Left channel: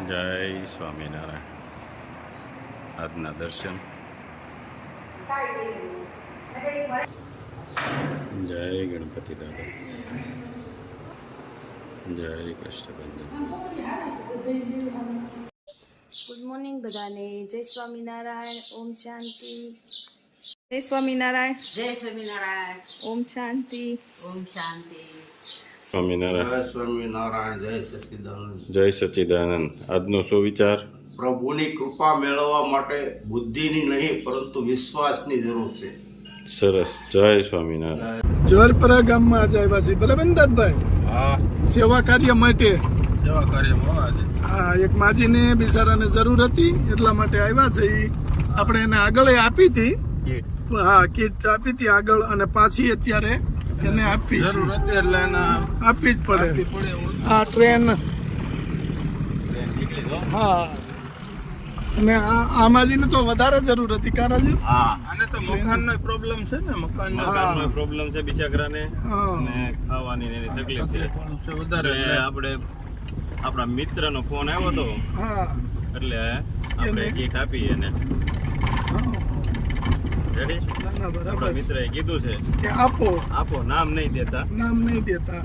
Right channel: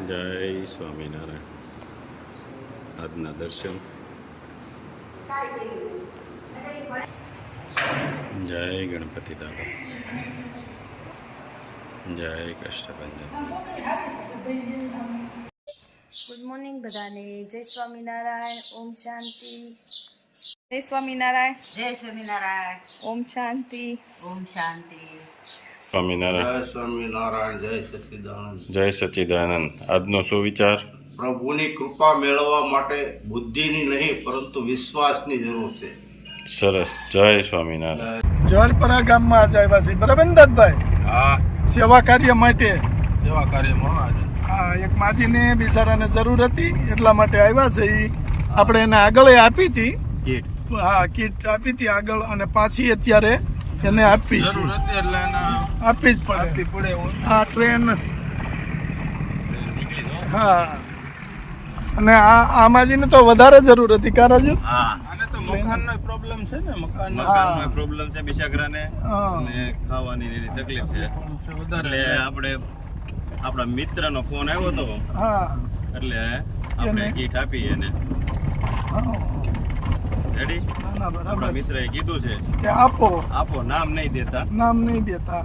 જય સ્વામિનારાયણ આજના દર્શન જય ગણપતિ દાદા જય કષ્ટભંજન ગુડ મોર્નિંગ બધાને જય સ્વામિનારાયણ ઓમ શાંતિ જય સ્વામિનારાયણ જય સ્વામિનારાયણ ઓમ શાંતિ ઓમ શાંતિ સ્વામિનારાયણ. જય સ્વામિનારાયણ જય સચિદાનંદ. જય સચ્ચિદાનંદ આજનો સુવિચાર પ્રભુની કૃપા મેળવવા માટે બુદ્ધિની નહીં પરંતુ વિશ્વાસની જરૂર છે. સરસ. જય સ્વામિનારાયણ. જોરપરા ગામમાં આજે આવ્યા છે બરાબર ને દાદભાઈ? સેવા કાર્ય માટે. સેવા કાર્યમાં આજે. હા એક માજીને બિચારાને જરૂર હતી એટલા માટે આવ્યા છે. ઈ આપણે એને આગળ આપી હતી. હા કીટ આપી હતી આગળ અને પાછી અત્યારે એને આપી જરૂર હતી એટલે એના આપવી જ પડે. હા ટ્રેન. હા. અને આ આ તો વધારે જરૂર હતી કારાજુ હા. આને તો મકાનનો પ્રોબ્લેમ છે ને મકાનનો. પ્રોબ્લેમ છે બિચારાને. અને ખાવાની એની તકલીફ છે. વધારે એટલે આપણે આપણા મિત્રનો ફોન આવ્યો હતો એટલે આપણે એને? કીટ આપી એને. હા. બરાબર મિત્રએ કીધું છે. કે આપો. આપો નામ નહીં દેતા. નામ નહીં દેતા.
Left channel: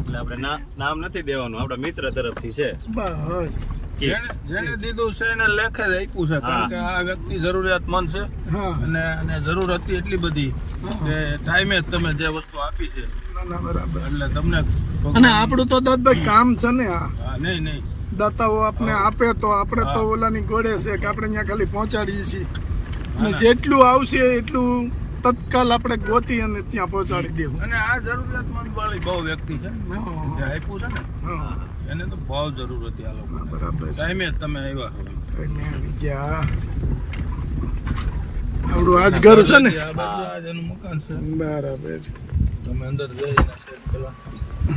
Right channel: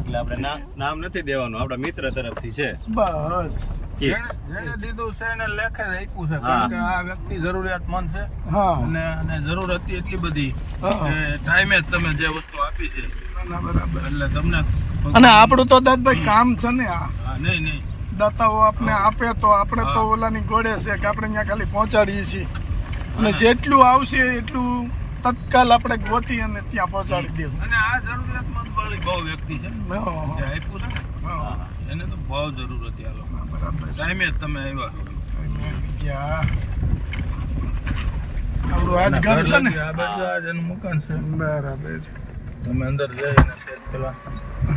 એટલે આપણે નામ નથી દેવાનું આપણા મિત્ર તરફથી છે. બસ. જેને જેને દીધું છે એને લેખે જ આપ્યું છે કારણ કે આ વ્યક્તિ જરૂરિયાતમંદ છે. હા. અને જરૂર હતી એટલી બધી ટાઈમે જ તમે જે વસ્તુ આપી છે. બરાબર એટલે તમને અને આપણું તો દાદભાઈ કામ છે ને આ. નહીં નહીં. દાતાઓ આપને આપે તો આપણે તો. ઓલાની ગોળે છે કે આપણે અહીંયા ખાલી પહોંચાડીએ છીએ. અને જેટલું આવશે એટલું તત્કાલ આપણે ગોતી અને ત્યાં પહોંચાડી દેવું. અને આ જરૂરિયાતમંદ વાળી બહુ વ્યક્તિ છે. હા, આપ્યું છે ને? હા. એને તો બહુ જરૂર હતી આ લોકો બરાબર. ટાઈમે તમે આવ્યા. ટાઈમે આવી ગયા. આપણું આજ ઘર છે ને? આ બાજુ આજ એનું મકાન છે. બરાબર તમે અંદર જઈને પેલા.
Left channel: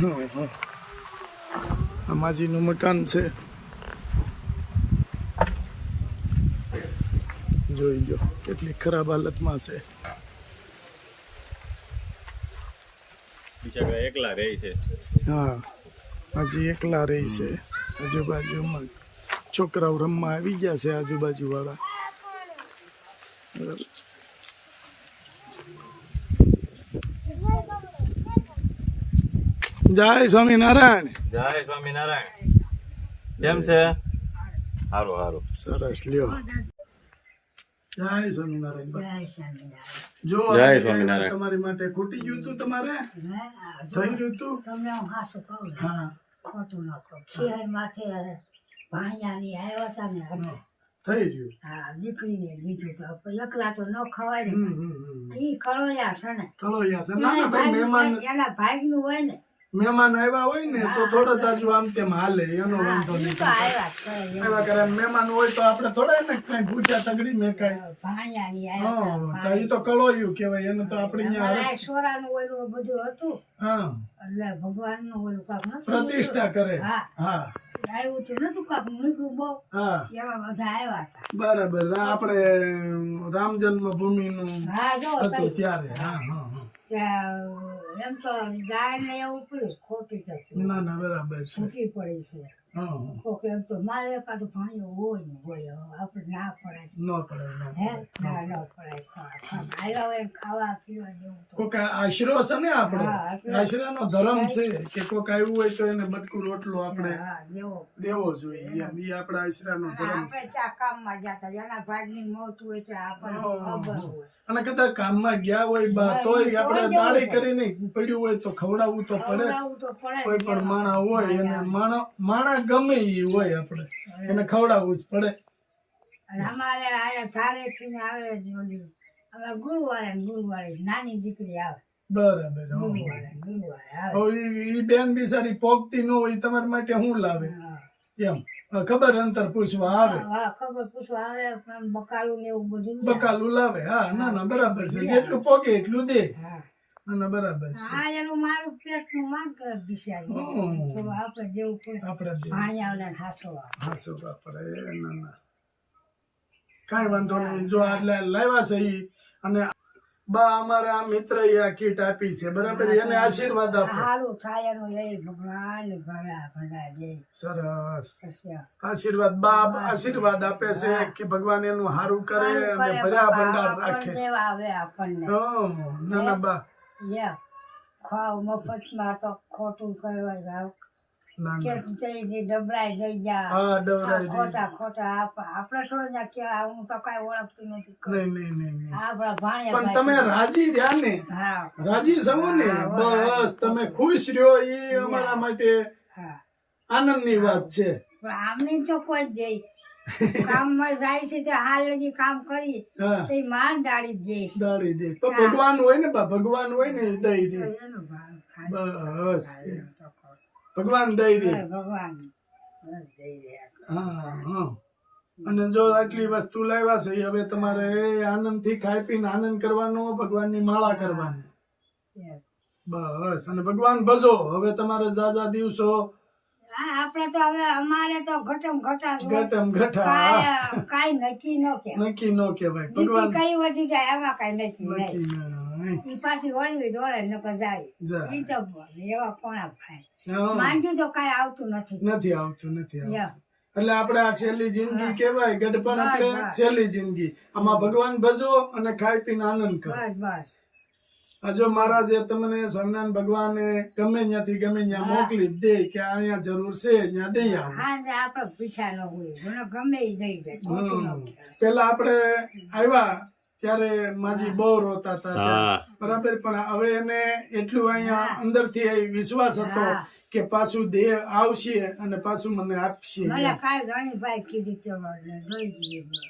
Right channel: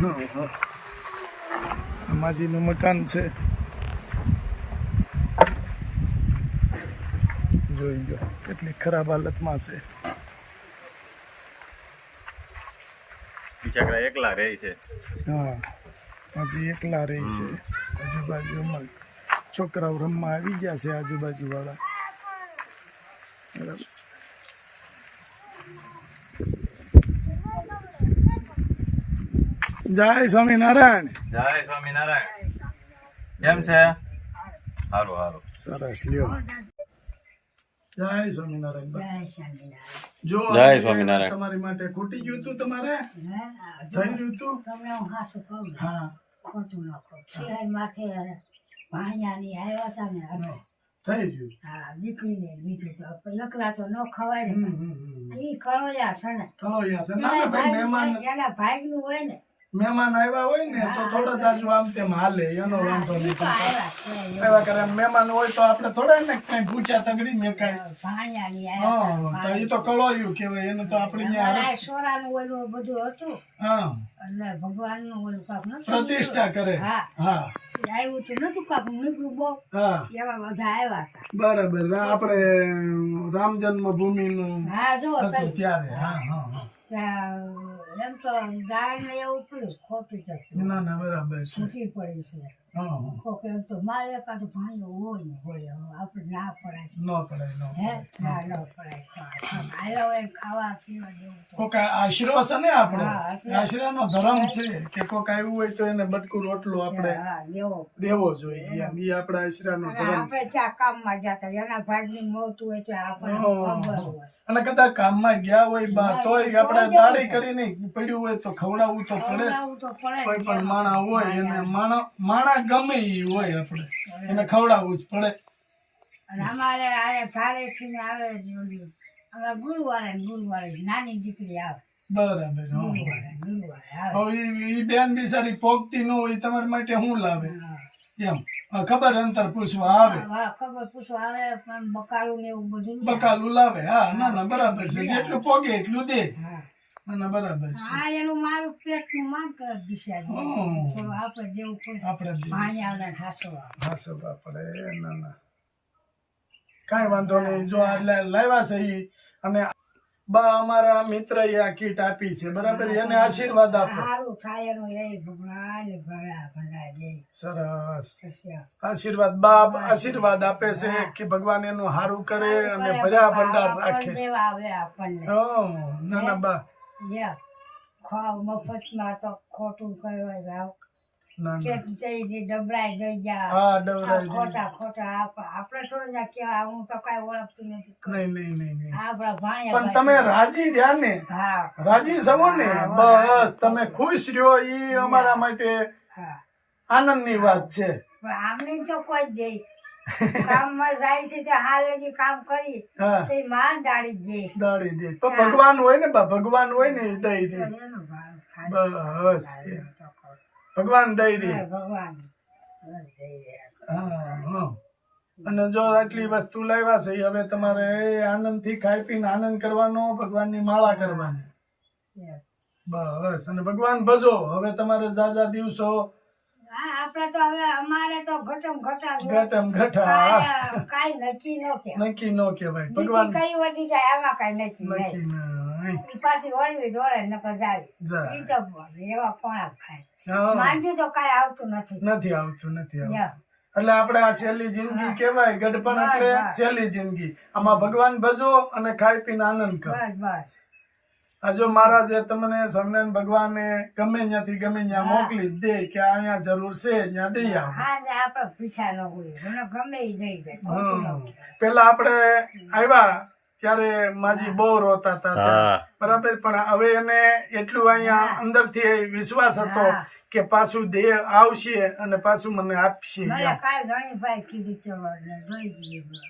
હા, હા. અમાજીનું માજીનું મકાન છે. જોઈ લો કેટલી ખરાબ હાલતમાં છે. બિચારા એકલા રહે છે. હા હજી એકલા રહે છે. આજુબાજુમાં છોકરાઓ રમવા આવી ગયા છે આજુબાજુ વાળા બરાબર. જય સ્વામિનારાયણ. જય સ્વામિનારાયણ. કેમ છે? સારું સારું સરસ લ્યો. જય સ્વામિનારાયણ. જો જય સ્વામિનારાયણ. તમારી માટે ખૂટી ગયું તું તમારે? હે, આ જો થઈ રહ્યું તું તમને હું હાસું કહું હા. ખોટું ન કહું. ખીર માથે ભાણિયાની આવ્યા હતા ને થઈ ગયું હા દીકરીને લીધું તો એકલા તો ન ખવાય ને. એ કળોયા છે ને. અહીંયા છે. ના ભાઈ મહેમાન એના ભાગનું હોય ને મહેમાન આવ્યા હોય ને તો થોડા તાજુ આમ તેમ હાલે એનો વાંધો નહીં. એવા. કરે. મહેમાન હોય તો આપણે થોડા ને કઈ ગુચા તગડી મેં કઈ હા તો એ તો કલોયું કેવાય એને તો આપણે ત્યાં સોરાનું ઓલું બધું હતું. હા. એટલે ભગવાનનું ઓલું કાક પ્રતિષ્ઠા કરે. હા. હા. આવ્યું તો નતું કાક નીકળું બહુ. એવા બધા આવ્યા હતા. બરાબર. આપણે રામ જન્મભૂમિનું હા જો ત્યારે. હા હા હા. એમ તો ગાય એવું પડ્યું ખોટું જતું ના ના બરાબર છે. છૂટી પડી છે. હા હા. કોક એમ તો મારે એકાદું ભાણિયો હોય ને હોય આપણે ના પડાય ન પડે હે? ના ન પડાય. આવ્યા હોય ખાવા પીવા જેવું કોક આશરો છે ને આપણે હા, એટલે- આશરાનો ધર્મ છે કે કોક આવ્યું હોય તો એને બટકું રોટલું આપણે દેવો. જોઈએ એમ. ઈ આપણા આશરાનો ધર્મ આપણે ચા કામમાં જતા એના ભાગની મોત હોય તો આપણને ખબર હોય. અને કદાચ કામમાં ગયા હોય બા તોય આપણે દાડી કરીને પડ્યું હોય તો ખવડાવવું તો પડે કોઈ પણ માણા હોય એને માણા માણા ગમે એ હોય આપણે. એને ખવડાવવું જ પડે. અમારે આયા ચારે થી ને આવે અમારે ગુરુવારે ગુરુવારે નાની દીકરી આવે. બરાબર ગુરુવારે હવે ઈ- ઈ બેન બિચારી પોગતી ન હોય તમારા માટે શું લાવે? એમ. હા, ખબર અંતર પૂછવા આવે. હા ખબર પૂછવા આવે પણ બકાલું ને એવું બધું બકાલું લાવે હા ના ના બરાબર છે. જેટલું પોગે એટલું દે. હા. ના ના બરાબર છે. આ એનું મારું પેટનું માન કરી દિશે તો આપણે પડે આપણે પાણી આવે ને ઠાસવા આપણે ના ના. કાંઈ વાંધો નહીં. જો આ લાવ્યા છે ઈ અને બા અમારા મિત્ર આ કીટ આપી છે બરાબર? એને આશીર્વાદ આપો. સારું થાય એનું એ ભગવાન ભણા ભણા દે સરસ. આશીર્વાદ બા આશીર્વાદ આપે છે કે ભગવાન એનું સારું કરે અને ભરા ભંડાર રાખે. દેવા આવે આપણને. હં, ના ના બા. યા ખાવ મફતમાં તો ખોટું કહેવાય ભાવ. કે ના જઈ જઈ ડબરાઈ જઈ જા હા ડવરાઈ ખોટા ખોટા આપણે થોડું ના કેવા હું તો કઈ ઓળખતી નથી નહીં નહીં નહીં નહીં. આપણા ભાણિયા પણ તમે રાજી રહ્યા ને? હા. રાજી સવો ને? બસ તમે ખુશ રહ્યો એ અમારા માટે આનંદની વાત છે. પણ આમને તો કોઈ જ જઈ કામમાં જાય છે તો હાલ લગી કામ કરી. તો માન જઈશ. દે. પણ ભગવાન હોય ને બા ભગવાન હોય ને દઈ દે. બસ. ભગવાન દઈ દે. ભગવાન. હા હા. અને જો આટલી વસ્તુ લાવ્યા છે એ હવે તમારે આનંદથી ખાઈ પીને આનંદ કરવાનો ભગવાનની માળા કરવાની. બસ અને ભગવાન ભજો. હવે તમારે ઝાઝા દિવસો હા આપણે તો હવે અમારે તો ઘટમ ઘટા. ઘટમ ઘટા. કાઈ નક્કી ન કે નક્કી ન કે ભાઈ ભગવાન કઈ વધી જાય આમાં કાંઈ નક્કી નક્કી ઈ પાછી વળવી દોડે નકર જાય. જાય. ઈ તો એવા કોણા ભાઈ હા, તો કાંઈ આવતું નથી. નથી આવતું નથી આવતું. એટલે આપણે આ છેલ્લી જિંદગી કેવાય ગઢપણ એટલે છેલ્લી જિંદગી. આમાં ભગવાન ભજો અને ખાઈ પીને આનંદ કરો. આ જો મહારાજે તમને સ્વામિનારાયણ ભગવાને ગમે ત્યાંથી ગમે ત્યાં મોકલી દે કે અહીંયા જરૂર છે ત્યાં દઈ આવો. પેલા આપણે આવ્યા ત્યારે માજી બહુ રોતા હતા બરાબર પણ હવે એને એટલું અહીંયા અંદરથી વિશ્વાસ હતો કે પાછું દેહ આવશે અને પાછું મને આપશે ઘણીભાઈ કીધું જેવું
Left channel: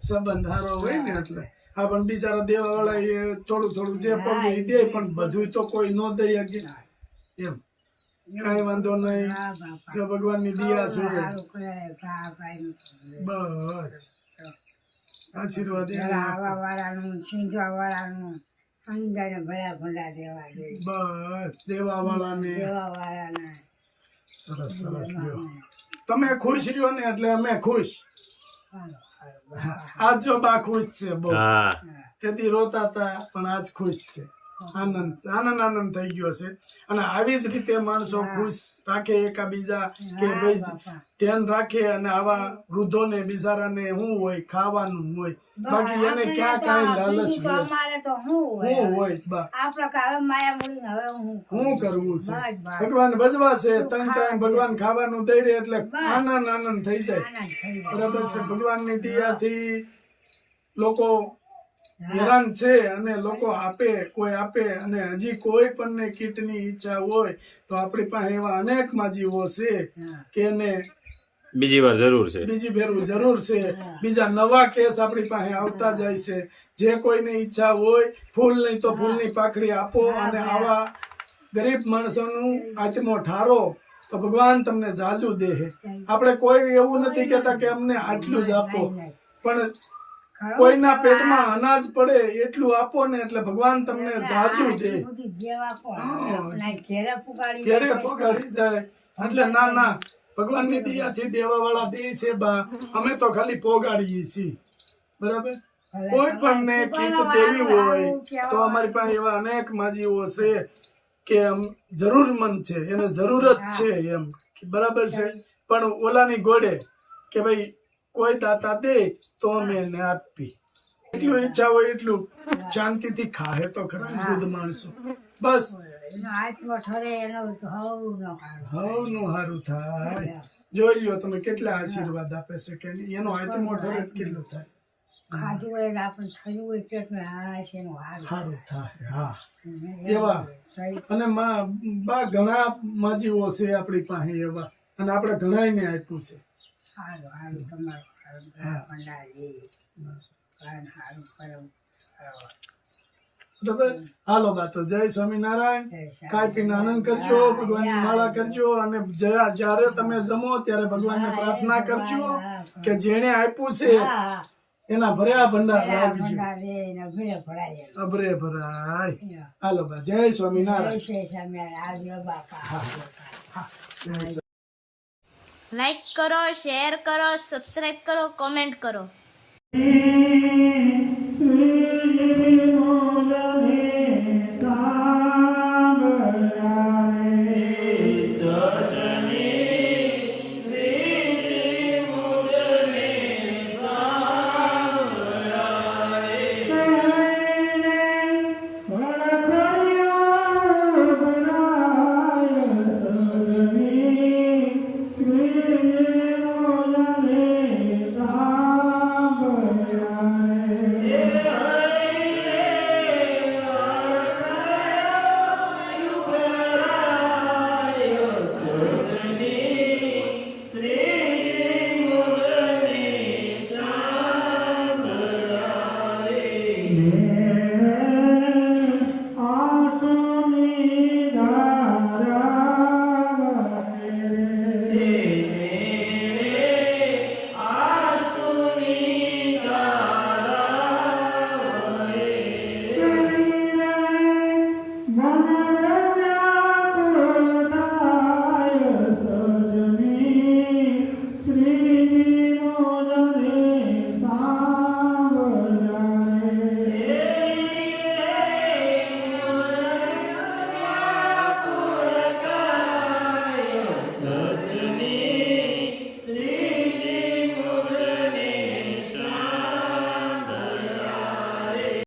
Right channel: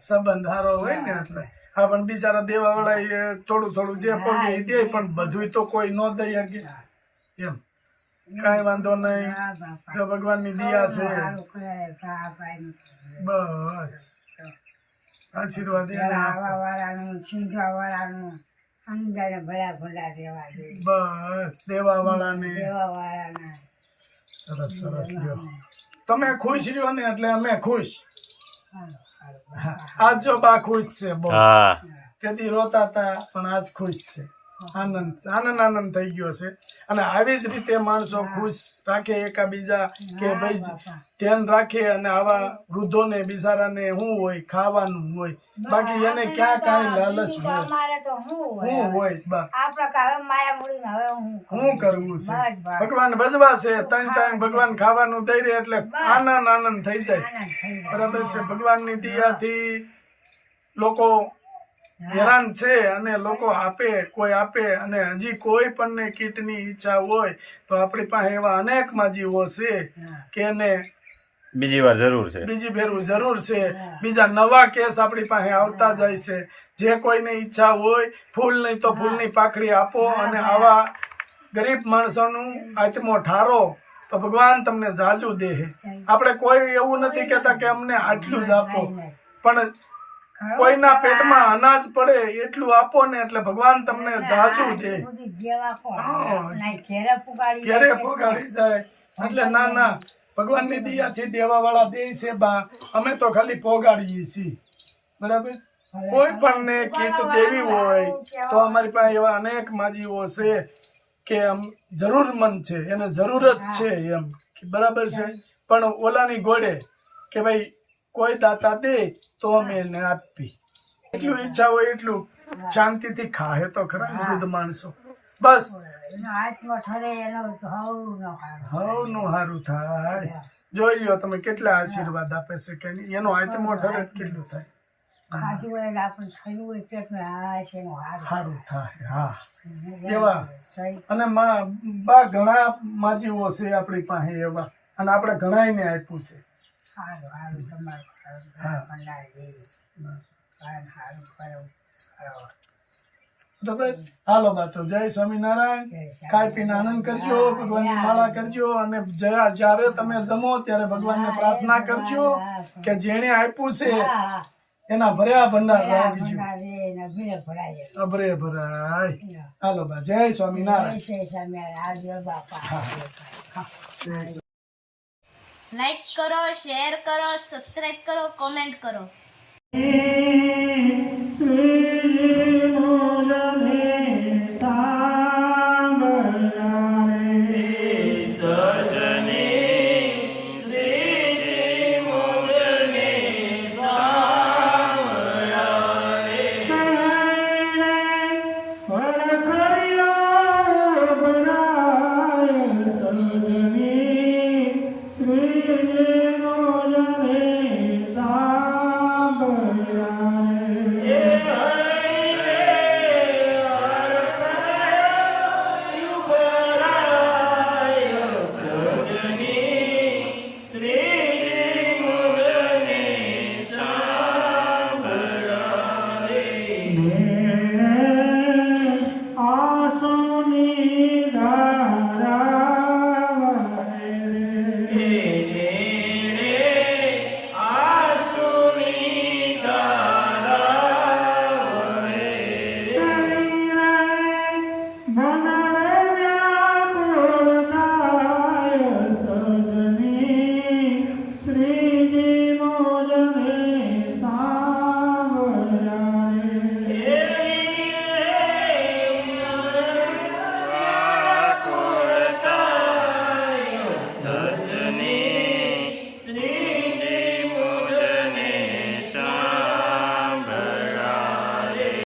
સંબંધ સારો હોય ને એટલે. હા પણ બિચારા દેવા વાળા થોડું થોડું જે પગે દે પણ બધું તો કોઈ ન દઈ શકે. એમ. કાંઈ વાંધો નહીં. જો ભગવાનની દિયા છે. બસ. આશીર્વાદ વાળાનું ભલા દેવા બસ દેવા વાળાને દેવા વાળાના સરસ સરસ લ્યો. તમે ખુશ રહ્યો ને એટલે અમે ખુશ. આજ જો બા ખુશ છે બહુ તેથી રોતા હતા પણ આજ ખુશ છે. આનંદ આનંદ આનંદ થઈ ગયો છે. અને આવી જ રીતે માણસો ખુશ રાખે એકાબીજા કે ભાઈ ધ્યાન રાખે અને આવા વૃદ્ધોને બિચારાને શું હોય ખાવાનું હોય. બાકી એને ક્યાં કાંઈ લાલચ હોય. હું શું હોય બા હું શું કરવું છે? ભગવાન ભજવા છે ત્રણ ટાઈમ ભગવાન ખાવાનું દઈ રહે એટલે આનંદ આનંદ થઈ જાય. આનંદ થઈ જાય. બરાબર છે? ભગવાનની દયાથી લોકો હેરાન છે અને લોકો આપે કોઈ આપે અને હજી કોઈ પણ કીટની ઈચ્છા હોય તો આપણી પાસે એવા અનેક માજીઓ છે કે એને બીજી વાર જરૂર છે. બીજી ફેરવું જરૂર છે. બીજા નવા કેસ આપણી પાસે આવતા જાય છે. જે કોઈને ઈચ્છા હોય ફૂલ નહીં તો ફૂલની પાકડી આપો અને આવા ગરીબ માણસોનું આત્મો ઠારો તો ભગવાન તમને જાજુ દે આપણે કોઈ એવું નથી કહેતા કે અમને આટલું જ આપો. પણ કોઈના પેટમાં અનાજ પડે એટલું આપો ને એટલે ભગવાન તમને ઝાસું દે. ઘેરે પગાડી જાય. એટલે ના ના. ભગવાનની દિયાથી દેવા વાળા દે છે બા. અમે તો ખાલી પોગાડીએ છીએ. બરાબર? કોઈ પણ ને કીટ દેવી હોય તો અમારી પાસે એવા અનેક માજીઓ છે કે આમ જરૂરમંદ છે. એને જરૂરત છે એમ. બરાબર છે? પણ ઓલાની ગોડે કે ભાઈ કોઈ દાતા દે તો અમે એને આપી. એટલું ઈચ્છા હોય એટલું. શાંતિથી ખાહે તો ખરા વૃદ્ધ માણસો. બસ. હાથમાં હવનું સારું થાય. જોઈ લ્યો તમે કેટલા આશીર્વાદ આપે છે કે એનો આત્મો ઠરે કેટલું થાય. આપણે હા. એવા. અને બા ઘણા માજીઓ છે આપણી પાસે એવા. અને આપણે ઘણાયને આપ્યું છે. સારું સારું તમારું સારું સારું સારું કરો. હાલો બાતો જય સ્વામિનારાયણ. ખાઈ પીને આનંદ કરજો ભગવાનની માળા કરજો અને જ્યાં- જ્યારે તમે જમો ત્યારે ભગવાનને પ્રાર્થના કરજો કે જેણે આપ્યું છે એના ભર્યા ભંડાર અભરે રાખજો. ભરાય. હાલો બા જય સ્વામિનારાયણ. જય સ્વામિનારાયણ. જય લાઈક કરો શેર કરો સબસ્ક્રાઈબ કરો કોમેન્ટ કરો. હમ